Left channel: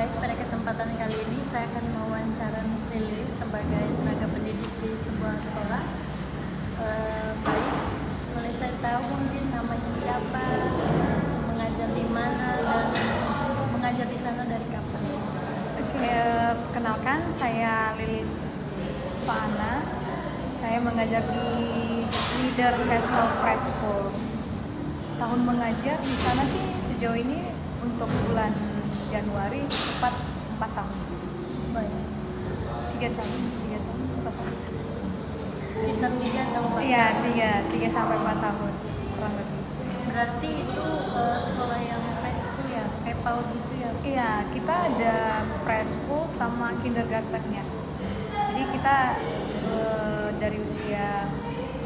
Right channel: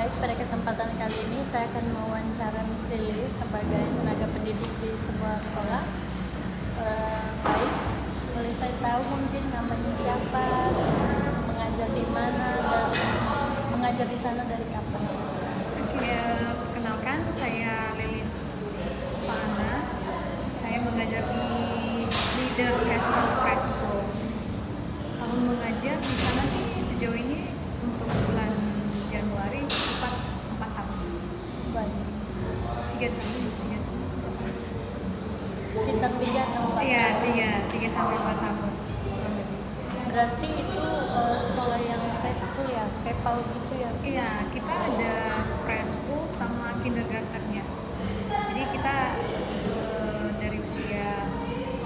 Baik, pada kesempatan kali ini saya akan mewawancara Miss Lili sebagai tenaga pendidik di sebuah sekolah. Baik, boleh saya tahu mungkin namanya siapa, mengajar di mana, dan mengajar di sana dari kapan? Oke, perkenalkan saya Lilis Faana. Saya mengajar di Leader Castle Preschool. Tahun mengajar di sana sih sejauh ini untuk bulan Januari 4 tahun. Baik, 3 tahun berapa? sekitar 3 atau 4 Iya, tahun. 3 sampai 4 tahun kurang lebih. Berarti itu sekolah yang preschool ya, kayak PAUD gitu ya? Iya, kita ada preschool sama kindergartennya. Jadi kita dari usia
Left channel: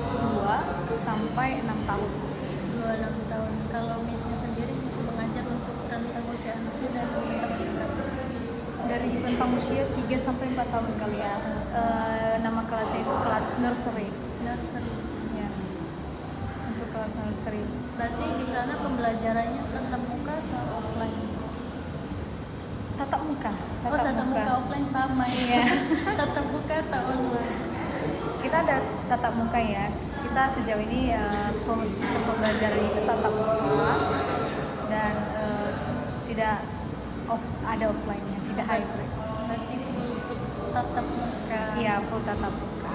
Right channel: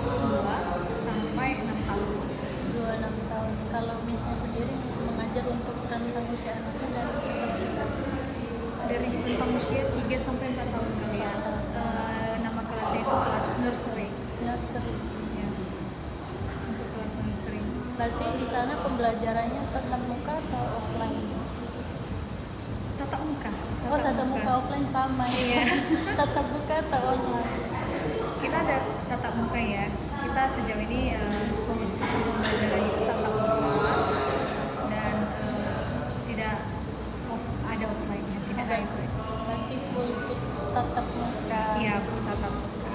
2 sampai 6 tahun. 2-6 tahun. Kalau Missnya sendiri mengajar untuk rentang usia anaknya dari rentang usia berapa? Dari rentang usia 3 sampai 4 tahun kali ya. Nama kelasnya itu kelas nursery. Nursery. Ya. Untuk kelas nursery. Berarti di sana pembelajarannya tatap muka atau offline? Tatap muka. Tatap muka offline sama ya. Iya. Tatap muka atau online? Kita ada tatap muka ya. Kita sejauh ini sistem pembelajaran itu tatap muka dan tidak ada offline-nya, tidak hybrid. Berarti full tatap muka. Iya, full tatap muka.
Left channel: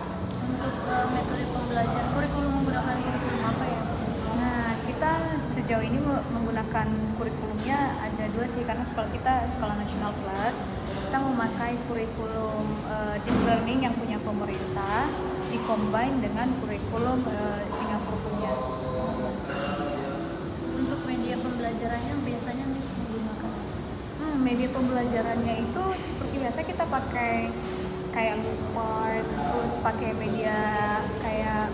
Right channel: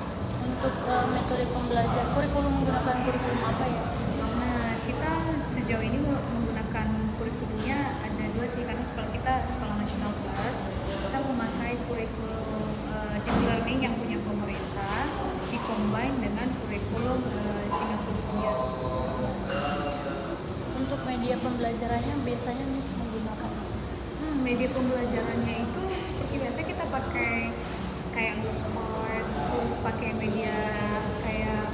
Untuk metode pembelajaran, menggunakan kurikulum apa ya? Nah, kita sejauh ini menggunakan kurikulumnya ada 2 sih, karena sekolah kita Sekolah Nasional Plus. Kita memakai kurikulum deep learning yang punya pemerintah, dikombine dengan kurikulum Singapura punya. Untuk media pembelajarannya biasanya Miss menggunakan apa? Media pembelajarannya itu seperti biasa kita pakai kayak Luspart, terus pakai media kayak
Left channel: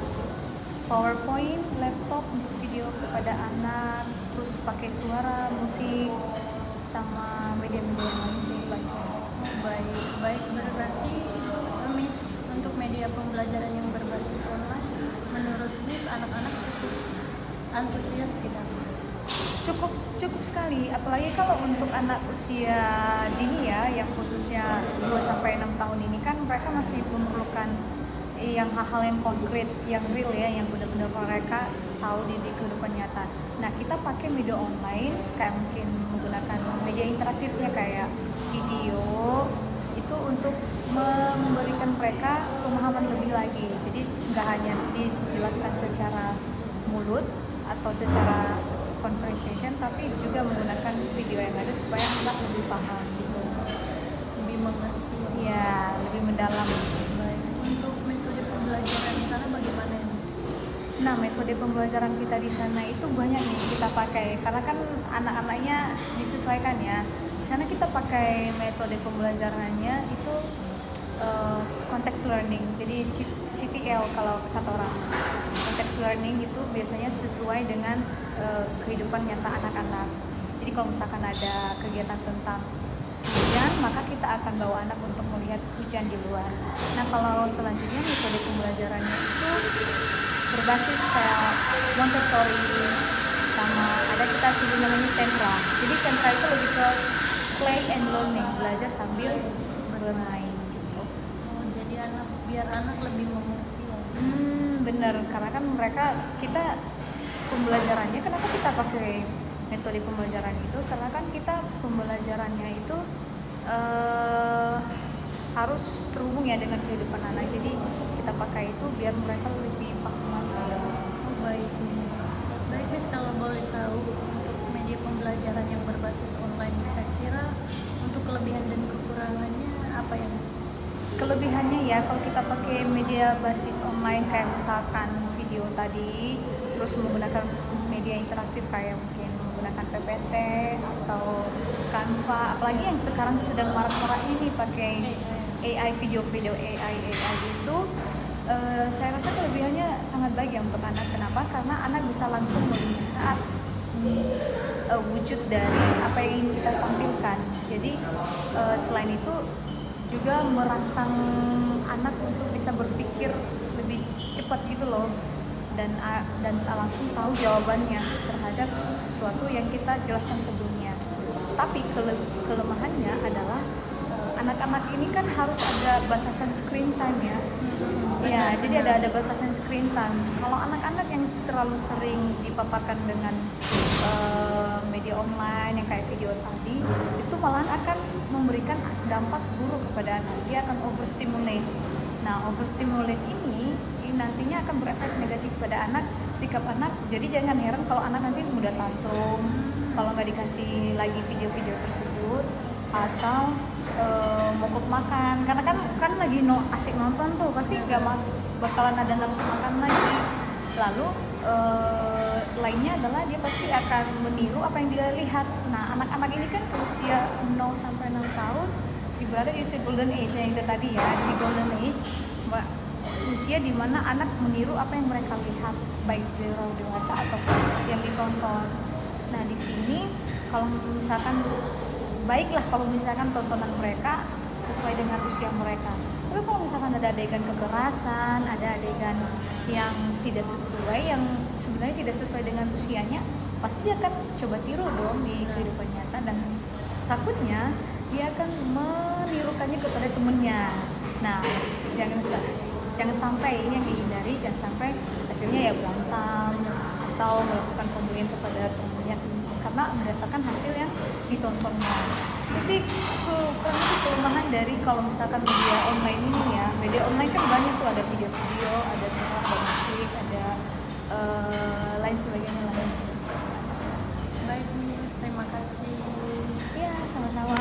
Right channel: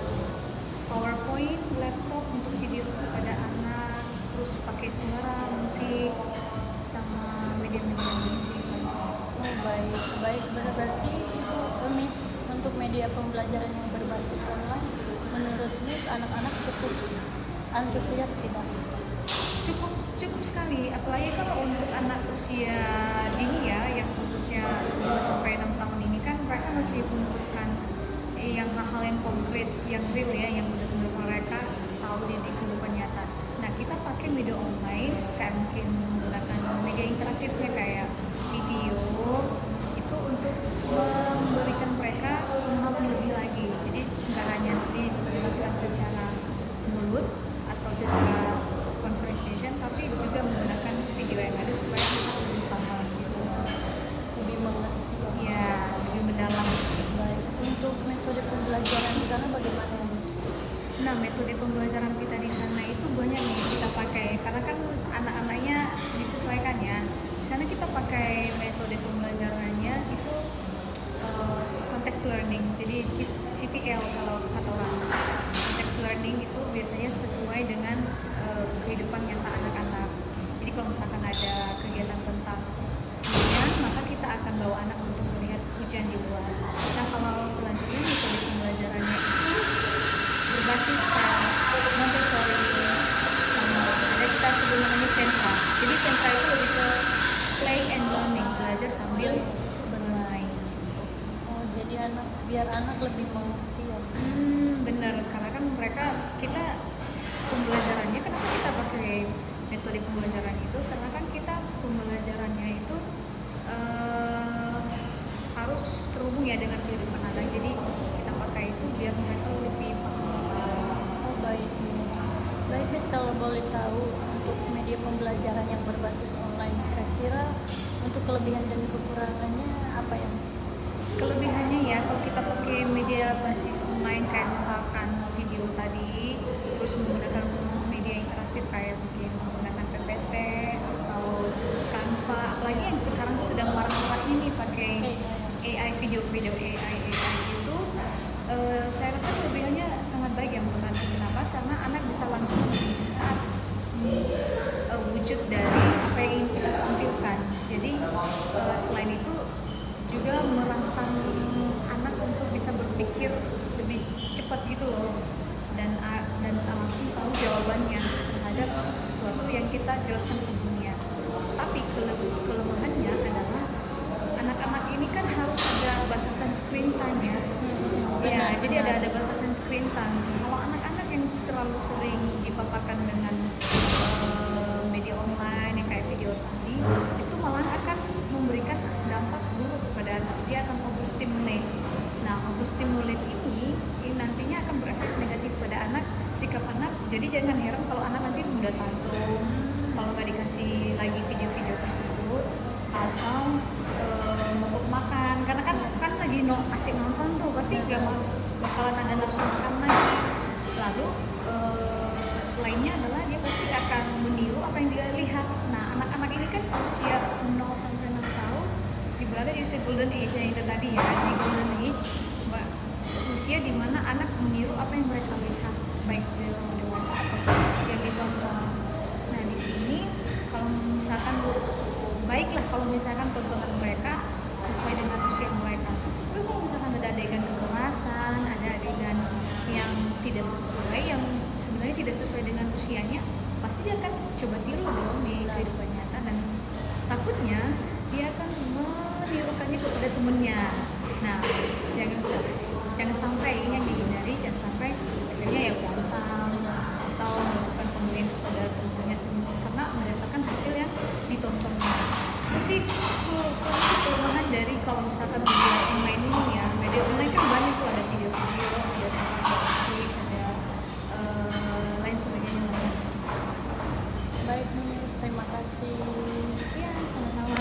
PowerPoint, laptop untuk video kepada anak, terus pakai suara, musik, sama media-media yang lain sih banyak. Oh baik. Berarti Ibu Miss untuk media pembelajaran yang berbasis online, menurut Miss anak-anak cukup antusias tidak? Cukup sekali, apalagi kalau untuk anak usia dini ya, yang khususnya 2 sampai 6 tahun ini kan mereka masih memerlukan yang hal-hal yang konkret, yang real ya, yang benar-benar mereka tahu di kehidupan nyata. Nah, kita pakai media online kayak mungkin menggunakan media interaktifnya kayak video itu untuk memberikan mereka pemahaman lebih lagi. Jadi nggak hanya dijelaskan secara mulut atau secara conversation, tapi juga menggunakan video yang ada supaya anak lebih paham gitu, Lebih mengerti ya, lebih mendalam. Baik, untuk metode pembelajaran di sana bagaimana ya Miss? Nah, metode pembelajaran kita di sana itu banyak nih kita pakai, karena kan anak-anaknya disesuaikan ya. Di sana kita pakai metode pembelajarannya itu context learning, jadi CTL kalau kata orang. Context learning itu biasanya sesuai dengan kehidupan nyata anak-anak. Jadi kalau misalkan ada kegiatan tentang hujan, maka kita akan bawa anak untuk melihat hujan di luar. Nah, kalau selanjutnya metode pembelajarannya itu berbasis kayak Montessori, sama ada kita sebut namanya sentra. Jadi sentra itu lebih ke play and learning, belajar sambil bermain gitu. Oh, jadi biar anak lebih mengerti ya? Bener, karena kan kita pembelajarannya, kenapa kita pakai metode pembelajaran itu, karena kan kita pembelajarannya itu harus terhubung ya dengan kehidupan anak, jadi kita pakai itu biar mereka lebih paham lagi. Oh baik Miss, kalau boleh tahu untuk media pembelajaran yang berbasis online, kira-kira untuk kelebihan dan kekurangannya apa ya Miss? Kelebihannya ya, kalau kita pakai media basis online kayak misalkan video tadi, terus menggunakan media interaktif kayak mungkin menggunakan PPT atau Canva, apalagi yang sekarang sedang marak-maraknya nih pakai AI, video AI itu, saya rasa kelebihannya sangat baik ya untuk anak. Kenapa? Karena anak bisa langsung melihat wujud dari apa yang ingin kita tampilkan. Jadi selain itu juga merangsang anak untuk bisa berpikir lebih cepat gitu loh, dan langsung tahu jawabannya terhadap sesuatu yang kita jelaskan sebelumnya. Tapi kelemahannya adalah anak-anak ini kan harus ada batasan screen time ya. Ya, jadi ada batasan screen time. Kalau anak-anak yang terlalu sering dipaparkan dengan media online yang kayak video tadi, itu malahan akan memberikan dampak buruk kepada anak. Dia akan overstimulate. Nah, overstimulate ini nantinya akan berefek negatif pada anak, sikap anak. Jadi jangan heran kalau anak nanti mudah tantrum kalau nggak dikasih lagi video-video tersebut, atau mogok makan karena kan lagi asik nonton tuh, pasti nggak bakalan ada nafsu makan lagi. Lalu lainnya adalah dia pasti akan meniru apa yang dia lihat. Nah, anak-anak ini kan usia 0 sampai 6 tahun berada di usia golden age yang itu tadi ya, di golden age usia dimana anak meniru apa yang mereka lihat, baik di orang dewasa ataupun yang ditonton. Nah, di sini kalau misalkan baiklah kalau misalkan tontonan mereka sesuai dengan usia mereka. Tapi kalau misalkan ada adegan kekerasan, ada adegan yang tidak sesuai, yang sebenarnya tidak sesuai dengan usianya, pasti dia akan coba tiru dong di kehidupan nyata, dan takutnya dia akan menirukannya kepada temennya. Nah, jangan sampai ini yang dihindari, jangan sampai akhirnya ya berantem atau melakukan pembulian kepada temennya sendiri karena berdasarkan hasil yang ditontonnya. Itu sih kelemahan dari kalau misalkan media online ini ya. Media online kan banyak tuh, ada video-video, ada suara, ada musik, ada lain sebagainya lain. Baik Miss, terima kasih. Ya, sama-sama.